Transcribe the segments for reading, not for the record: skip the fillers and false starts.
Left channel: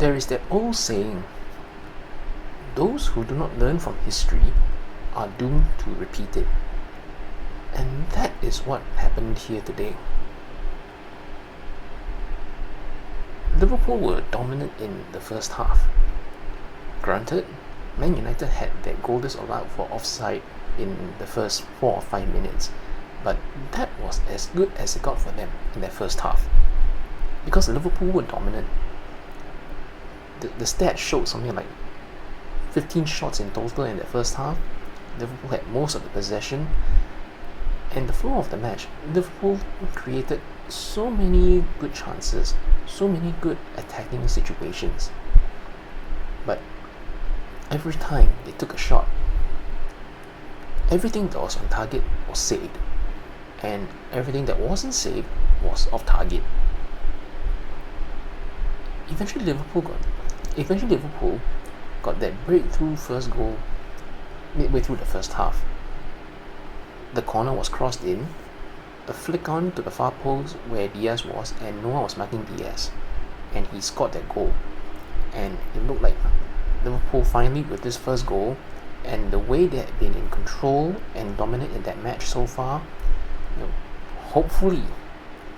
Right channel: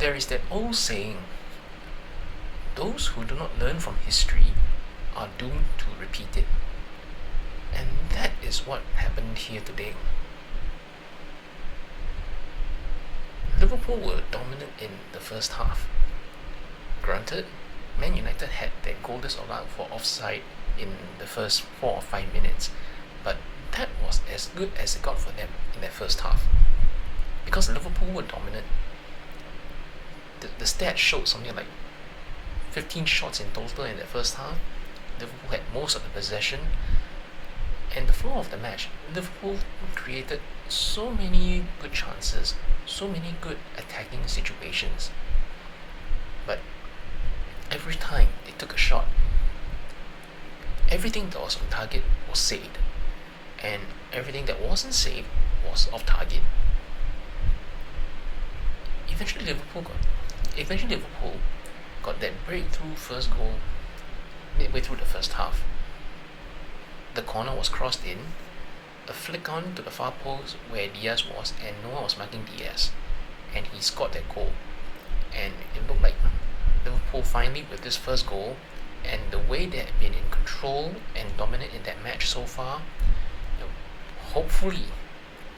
There is that old saying, those who do not learn from history are doomed to repeat it. And that is what happened here today. Liverpool were dominant in the first half. Granted, Man United had their goal disallowed for offside in the first 4 or 5 minutes, but that was as good as it got for them in their first half. Because Liverpool were dominant. The stats showed something like 15 shots in total in the first half. Liverpool had most of the possession, and the flow of the match, Liverpool created so many good chances, so many good attacking situations. But every time they took a shot, everything that was on target was saved, and everything that wasn't saved was off target. Eventually Liverpool got that breakthrough first goal midway through the first half. The corner was crossed in, a flick on to the far post where Diaz was, and Noah was marking Diaz, and he scored that goal. And it looked like Liverpool finally, with this first goal and the way they had been in control and dominant in that match so far, hopefully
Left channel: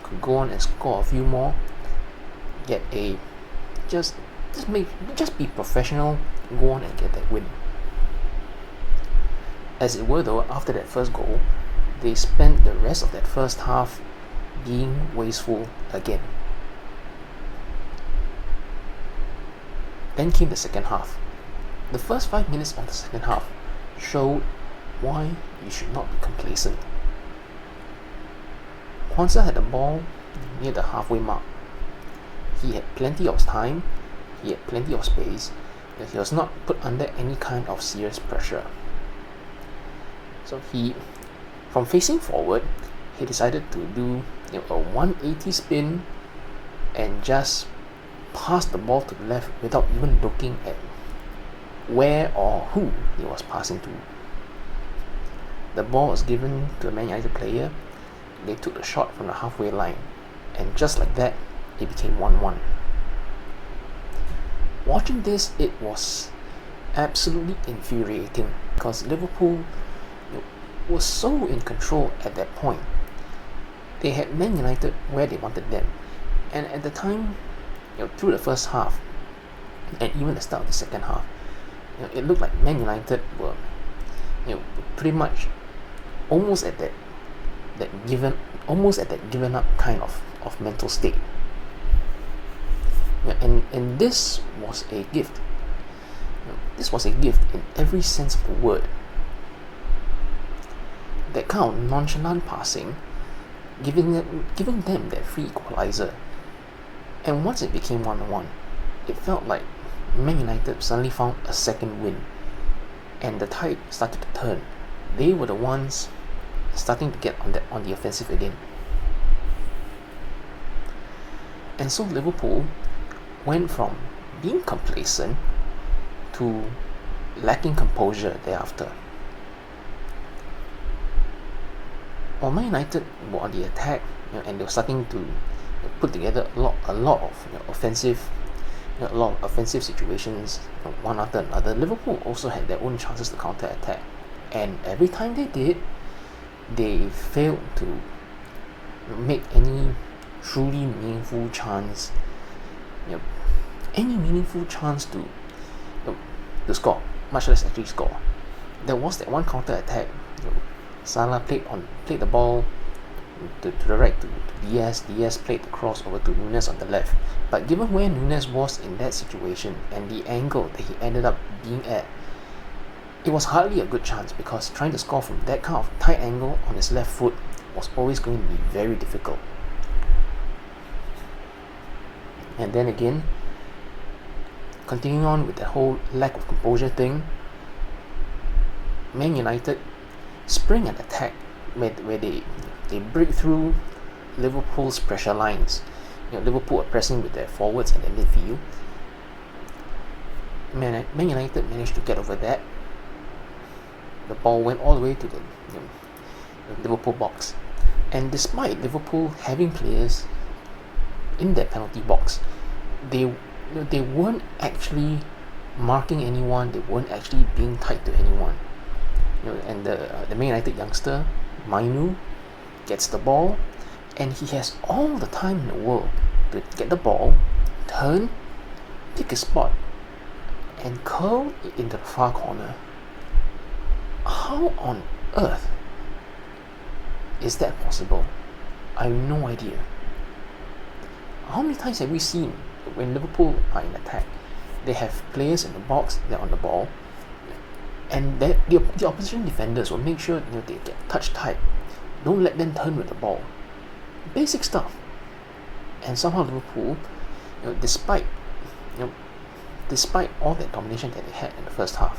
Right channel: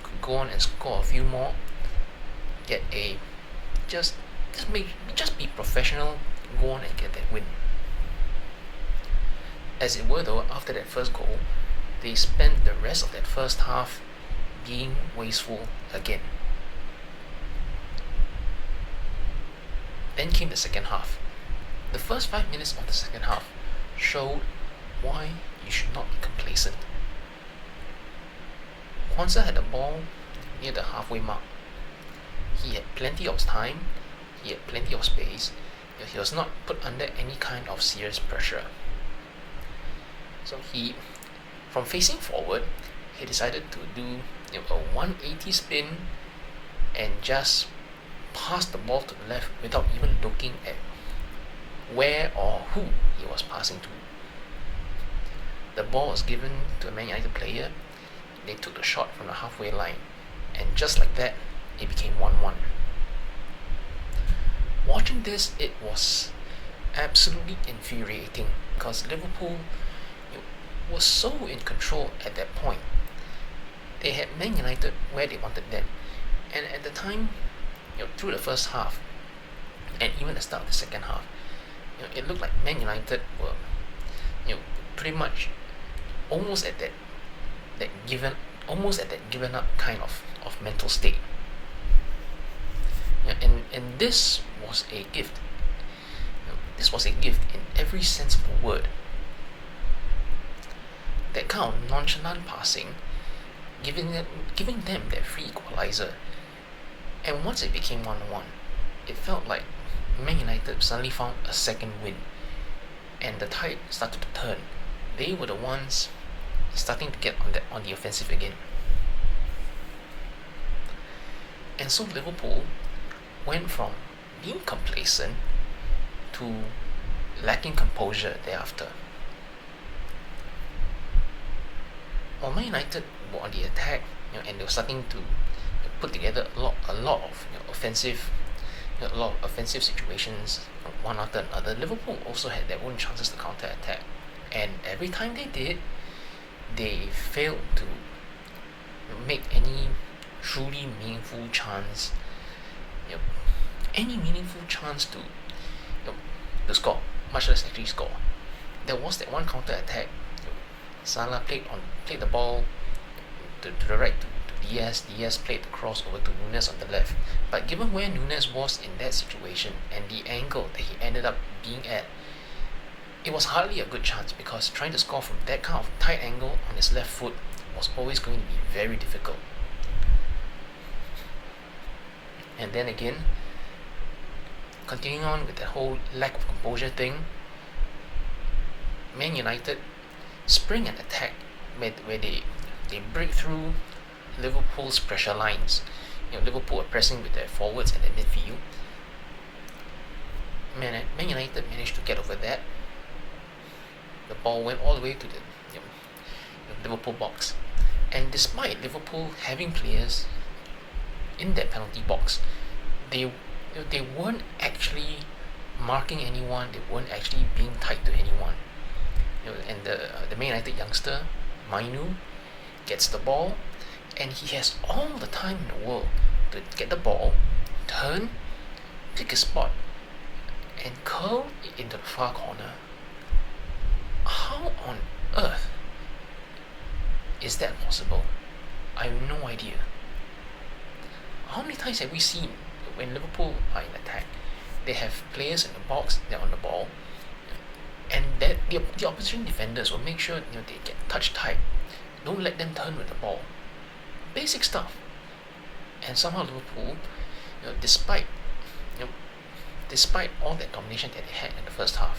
could go on and score a few more, get a just be professional, go on and get that win. As it were though, after that first goal, they spent the rest of that first half being wasteful again. Then came the second half. The first 5 minutes of the second half showed why you should not be complacent. Kwanzaa had the ball near the halfway mark. He had plenty of time, he had plenty of space, and he was not put under any kind of serious pressure. So from facing forward, he decided to do a 180 spin and just pass the ball to the left without even looking at where or who he was passing to. The ball was given to a Man United player, they took the shot from the halfway line, and just like that, it became 1-1. Watching this, it was absolutely infuriating because Liverpool was so in control at that point. They had Man United where they wanted them, and at the time, through the first half and even the start of the second half, it looked like Man United were, pretty much almost at that given up kind of mental state. And this was a gift. This was a gift in every sense of the word. That kind of nonchalant passing, giving them that free equalizer. And once it became 1-1, it felt like Man United suddenly found a second win, and the tide started to turn. They were the ones starting to get on the offensive again. And so Liverpool went from being complacent to lacking composure thereafter. While Man United were on the attack, and they were starting to put together a lot of offensive situations, one after another, Liverpool also had their own chances to counter attack, and every time they did, they failed to make any truly meaningful chance, to score, much less actually score. There was that one counter attack. Salah played the ball to the right to Diaz. Diaz played the cross over to Nunes on the left. But given where Nunes was in that situation and the angle that he ended up being at, it was hardly a good chance, because trying to score from that kind of tight angle on his left foot was always going to be very difficult. And then again, continuing on with the whole lack of composure thing, Man United spring an attack where they break through Liverpool's pressure lines. Liverpool are pressing with their forwards and their midfield. Man United managed to get over that. The ball went all the way to the Liverpool box, and despite Liverpool having players in that penalty box, they they weren't actually marking anyone. They weren't actually being tied to anyone. And the Man United youngster Mainu gets the ball, and he has all the time in the world to get the ball, turn, pick a spot, and curl it into the far corner. How on earth is that possible? I have no idea. How many times have we seen when Liverpool are in attack, they have players in the box, they're on the ball, and that the opposition defenders will make sure they get touch tight. Don't let them turn with the ball. Basic stuff. And somehow Liverpool, despite despite all that domination that they had in the first half,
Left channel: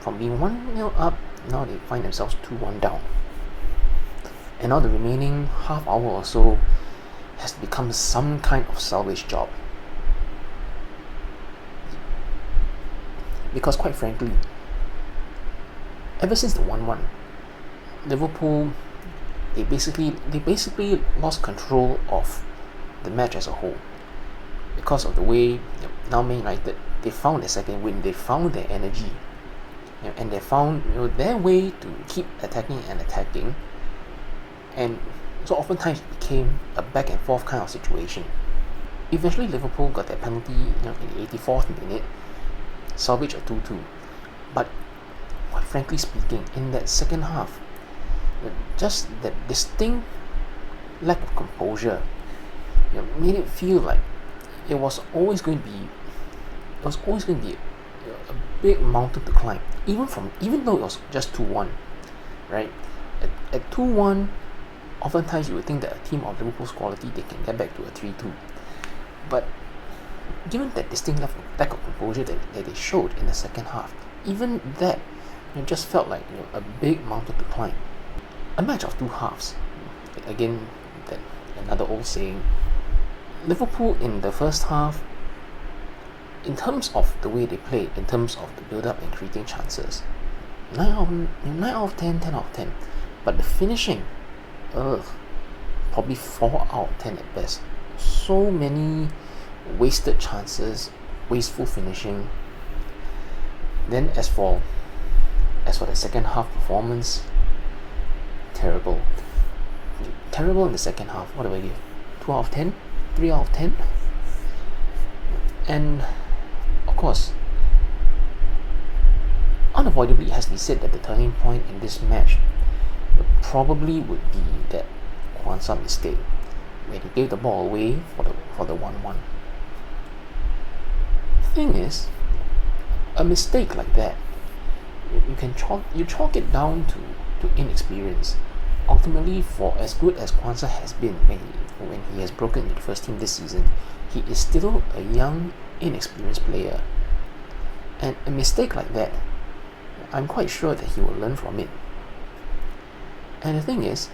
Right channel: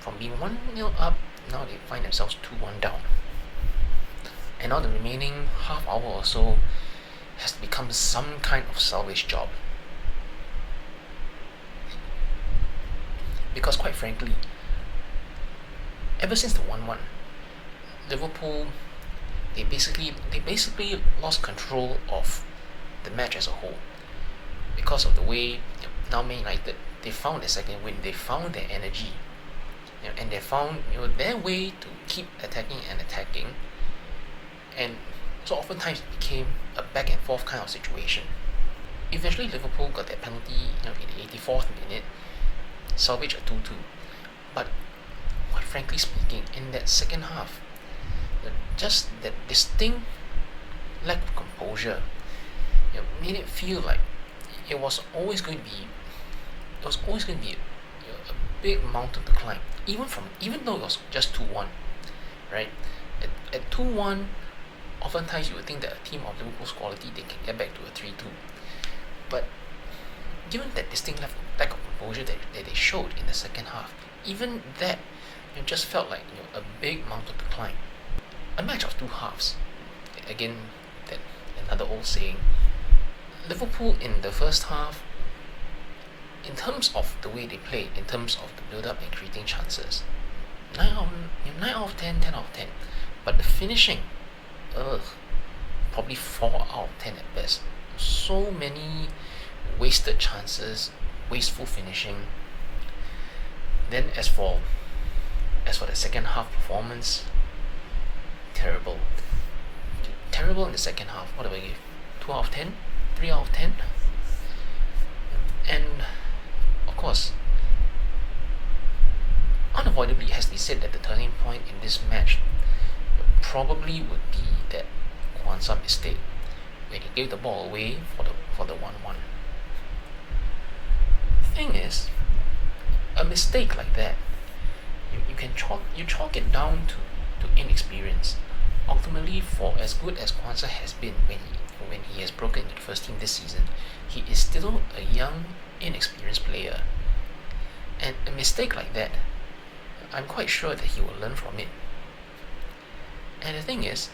from being 1-0 up, now they find themselves 2-1 down. And now the remaining half hour or so has become some kind of salvage job. Because quite frankly, ever since the 1-1, Liverpool they basically lost control of the match as a whole. Because of the way now Man United, they found their second win, they found their energy, and they found their way to keep attacking, and so oftentimes it became a back and forth kind of situation. Eventually Liverpool got that penalty in the 84th minute, salvage a 2-2. But quite frankly speaking, in that second half, just that distinct lack of composure made it feel like it was always going to be a big mountain to climb, even though it was just 2-1, right? At 2-1, oftentimes you would think that a team of Liverpool's quality, they can get back to a 3-2. But given that distinct lack of composure that they showed in the second half, even that just felt like a big mountain to climb. A match of two halves. Again, that another old saying. Liverpool in the first half, in terms of the way they played, in terms of the build-up and creating chances, 9 out of 10, 10 out of 10. But the finishing, probably 4 out of 10 at best. So many wasted chances, wasteful finishing. Then as for the second half performance, terrible in the second half. What do I give? 2 out of 10? 3 out of 10? And of course, unavoidably it has to be said that the turning point in this match probably would be that Kwanzaa mistake when he gave the ball away for the 1-1. The thing is, a mistake like that, you chalk it down to inexperience. Ultimately, for as good as Kwanzaa has been when he has broken into the first team this season, he is still a young, inexperienced player. And a mistake like that, I'm quite sure that he will learn from it. And the thing is,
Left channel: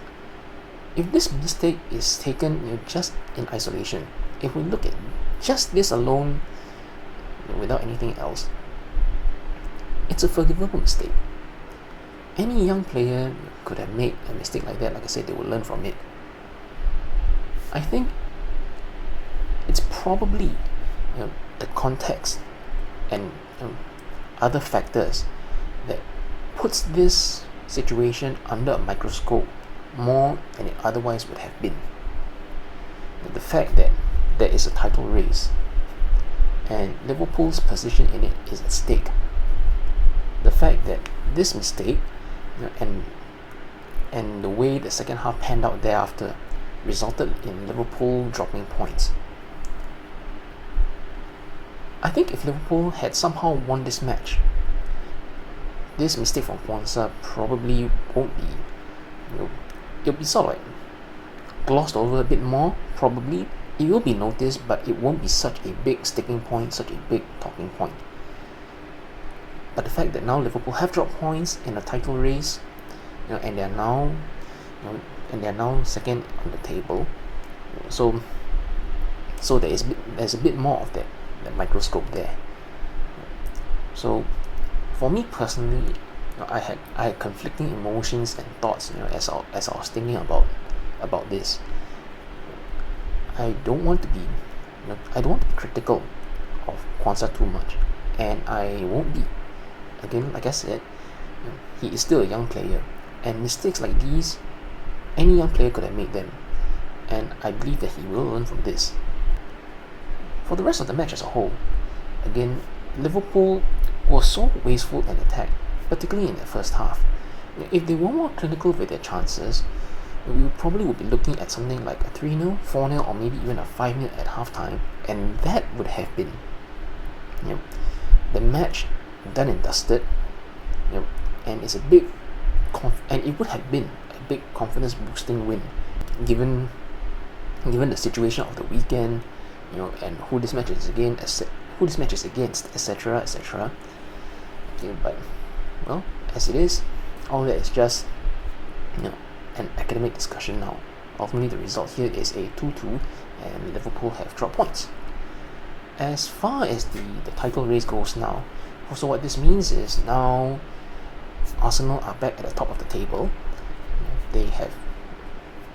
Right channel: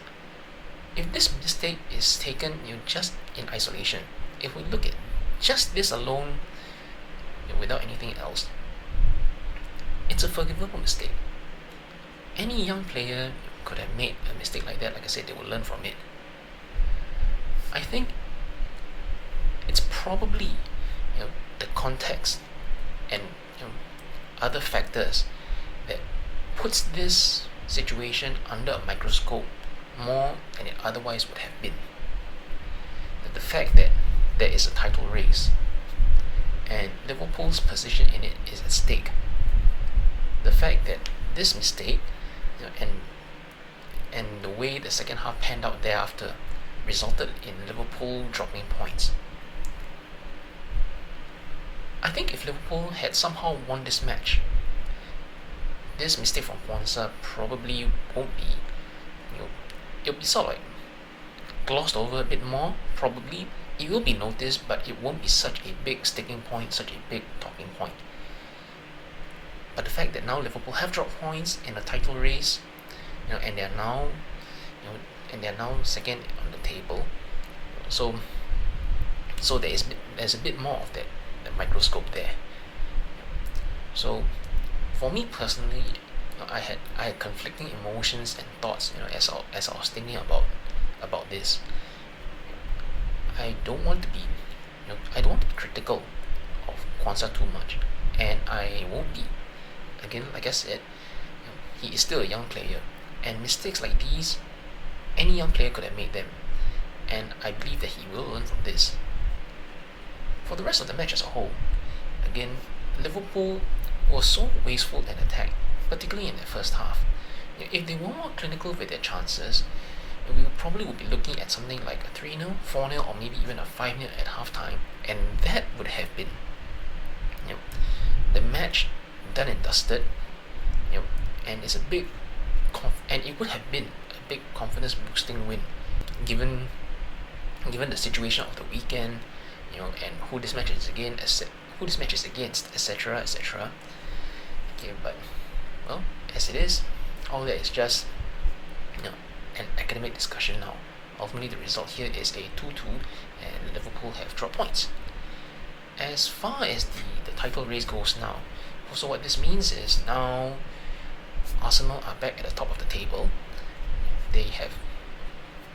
if this mistake is taken just in isolation, if we look at just this alone, without anything else, it's a forgivable mistake. Any young player could have made a mistake like that. Like I said, they will learn from it. I think it's probably the context and other factors that puts this situation under a microscope more than it otherwise would have been. The fact that there is a title race and Liverpool's position in it is at stake. The fact that this mistake and the way the second half panned out thereafter resulted in Liverpool dropping points. I think if Liverpool had somehow won this match, this mistake from Kwanzaa probably won't be, it'll be sort of like glossed over a bit more. Probably it will be noticed, but it won't be such a big sticking point, such a big talking point. But the fact that now Liverpool have dropped points in a title race, and they are now second on the table, so there's a bit more of that microscope there. So for me personally, I had conflicting emotions and thoughts, as I was thinking about this. I don't want to be I don't want to be critical of Kwanzaa too much, and I won't be. Again, like I said, he is still a young player, and mistakes like these, any young player could have made them, and I believe that he will learn from this. For the rest of the match as a whole, again, Liverpool was so wasteful in attack, particularly in the first half. If they were more clinical with their chances, we probably would be looking at something like a 3-0, 4-0, or maybe even a 5-0 at halftime, and that would have been the match done and dusted, and it's a big and it would have been a big confidence boosting win, given the situation of the weekend, and who this match is against, etc., etc. Okay, but well, as it is, all that is just an academic discussion now. Ultimately, the result here is a 2-2, and Liverpool have dropped points. As far as the title race goes now, also what this means is now Arsenal are back at the top of the table. They have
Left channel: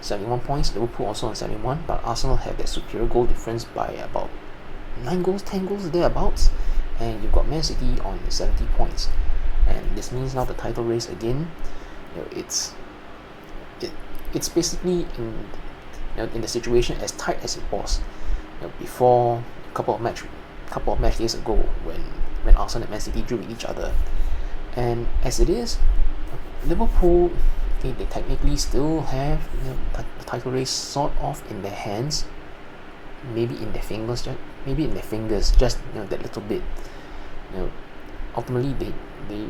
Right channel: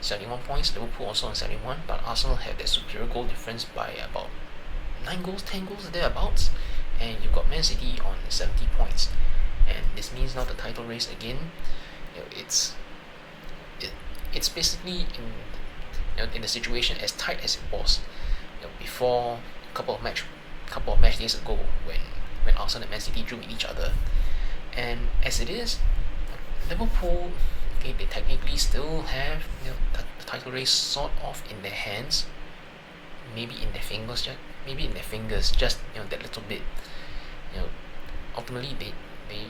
71 points, Liverpool also on 71, but Arsenal have their superior goal difference by about 9 goals, 10 goals thereabouts, and you've got Man City on 70 points. And this means now the title race again, it's basically in the situation as tight as it was before a couple of match days ago when Arsenal and Man City drew with each other. And as it is, Liverpool, they technically still have the title race sort of in their hands, maybe in their fingers, just that little bit. Ultimately, they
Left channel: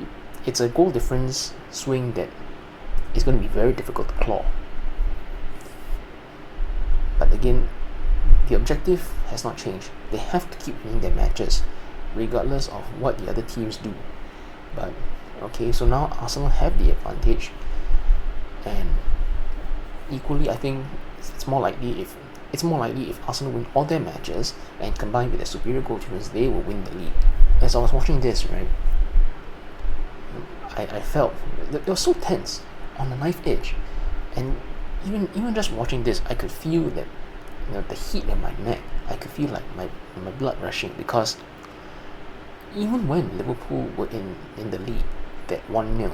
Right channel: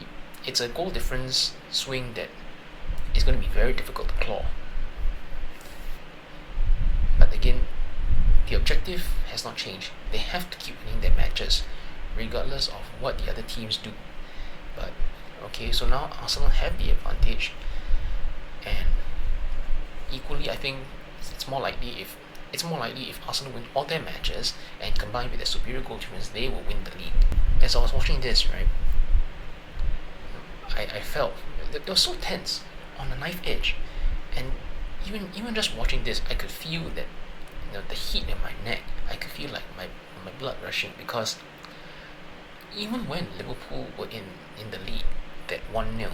it's a goal difference swing that is going to be very difficult to claw. But again, the objective has not changed. They have to keep winning their matches, regardless of what the other teams do. But okay, so now Arsenal have the advantage, and equally, I think it's more likely if Arsenal win all their matches and combined with their superior goal difference, they will win the league. As I was watching this, right, I felt that it was so tense on the knife edge, and even just watching this, I could feel that the heat in my neck. I could feel like my blood rushing, because even when Liverpool were in the lead, that 1-0,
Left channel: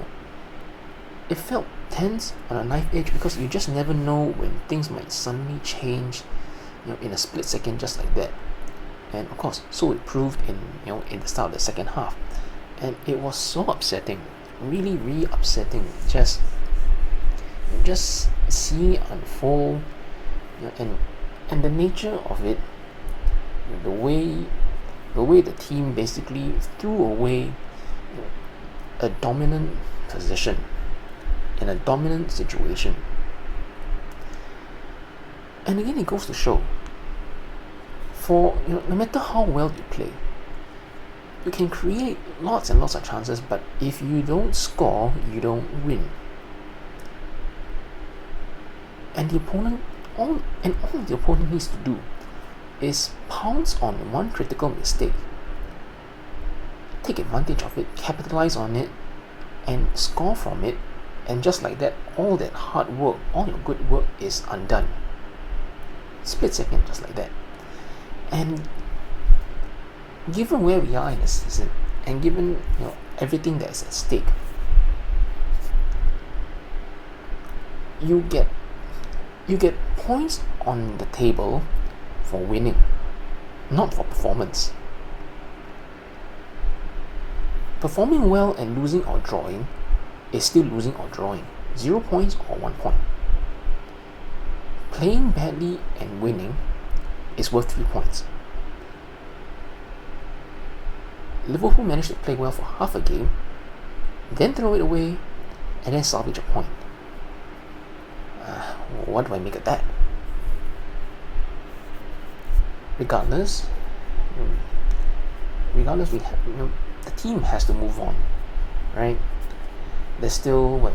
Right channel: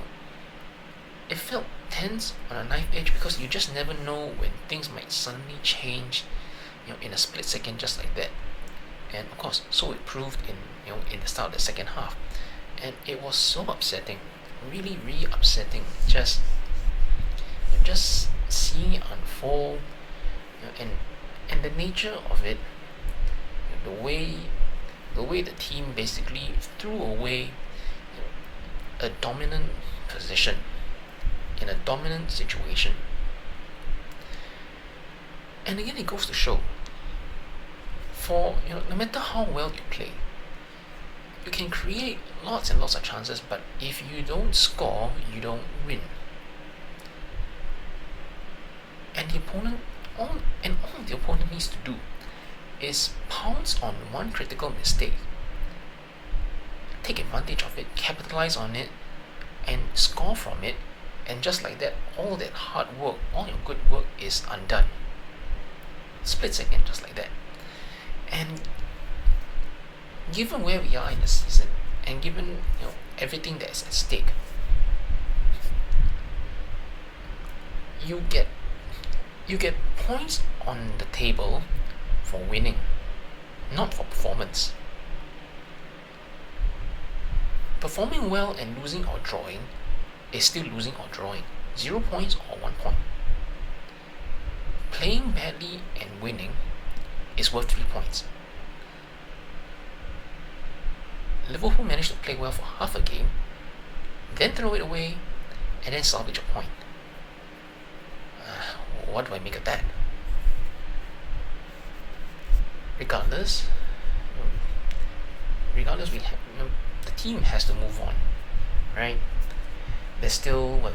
it felt tense on a knife edge, because you just never know when things might suddenly change, in a split second, just like that. And of course, so it proved in the start of the second half, and it was so upsetting, really upsetting, just seeing it unfold, and the nature of it, the way the team basically threw away a dominant position in a dominant situation. And again, it goes to show, for no matter how well you play, you can create lots and lots of chances, but if you don't score, you don't win. And all the opponent needs to do is pounce on one critical mistake, take advantage of it, capitalize on it, and score from it, and just like that, all that hard work, all your good work is undone. Split second, just like that. And given where we are in the season, and given everything that is at stake, you get points on the table for winning, not for performance. Performing well and losing or drawing is still losing or drawing. 0 points or 1 point. Playing badly and winning is worth 3 points. Liverpool managed to play well for half a game, then throw it away, and then salvage a point. What do I make of that? Regardless, we have, the team has to move on, right? There's still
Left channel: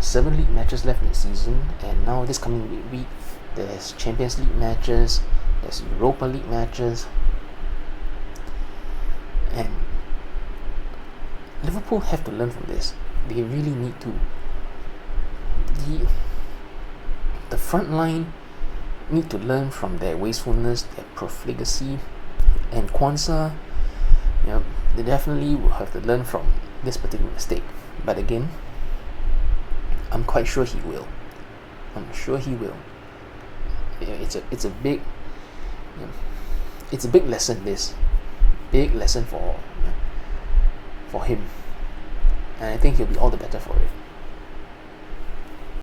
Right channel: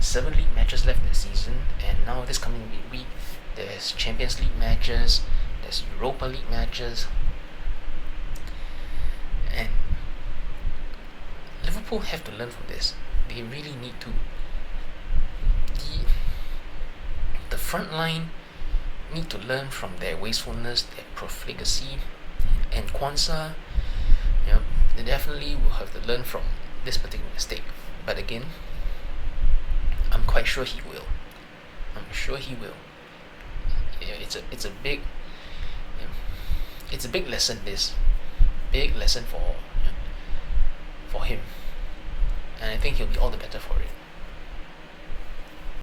7 league matches left in the season, and now this coming week there's Champions League matches, there's Europa League matches, and Liverpool have to learn from this. They really need to. The front line need to learn from their wastefulness, their profligacy, and Kwanzaa. They definitely will have to learn from this particular mistake. But again, I'm quite sure he will. I'm sure he will. It's a big it's a big lesson. This big lesson for him, and I think he'll be all the better for it.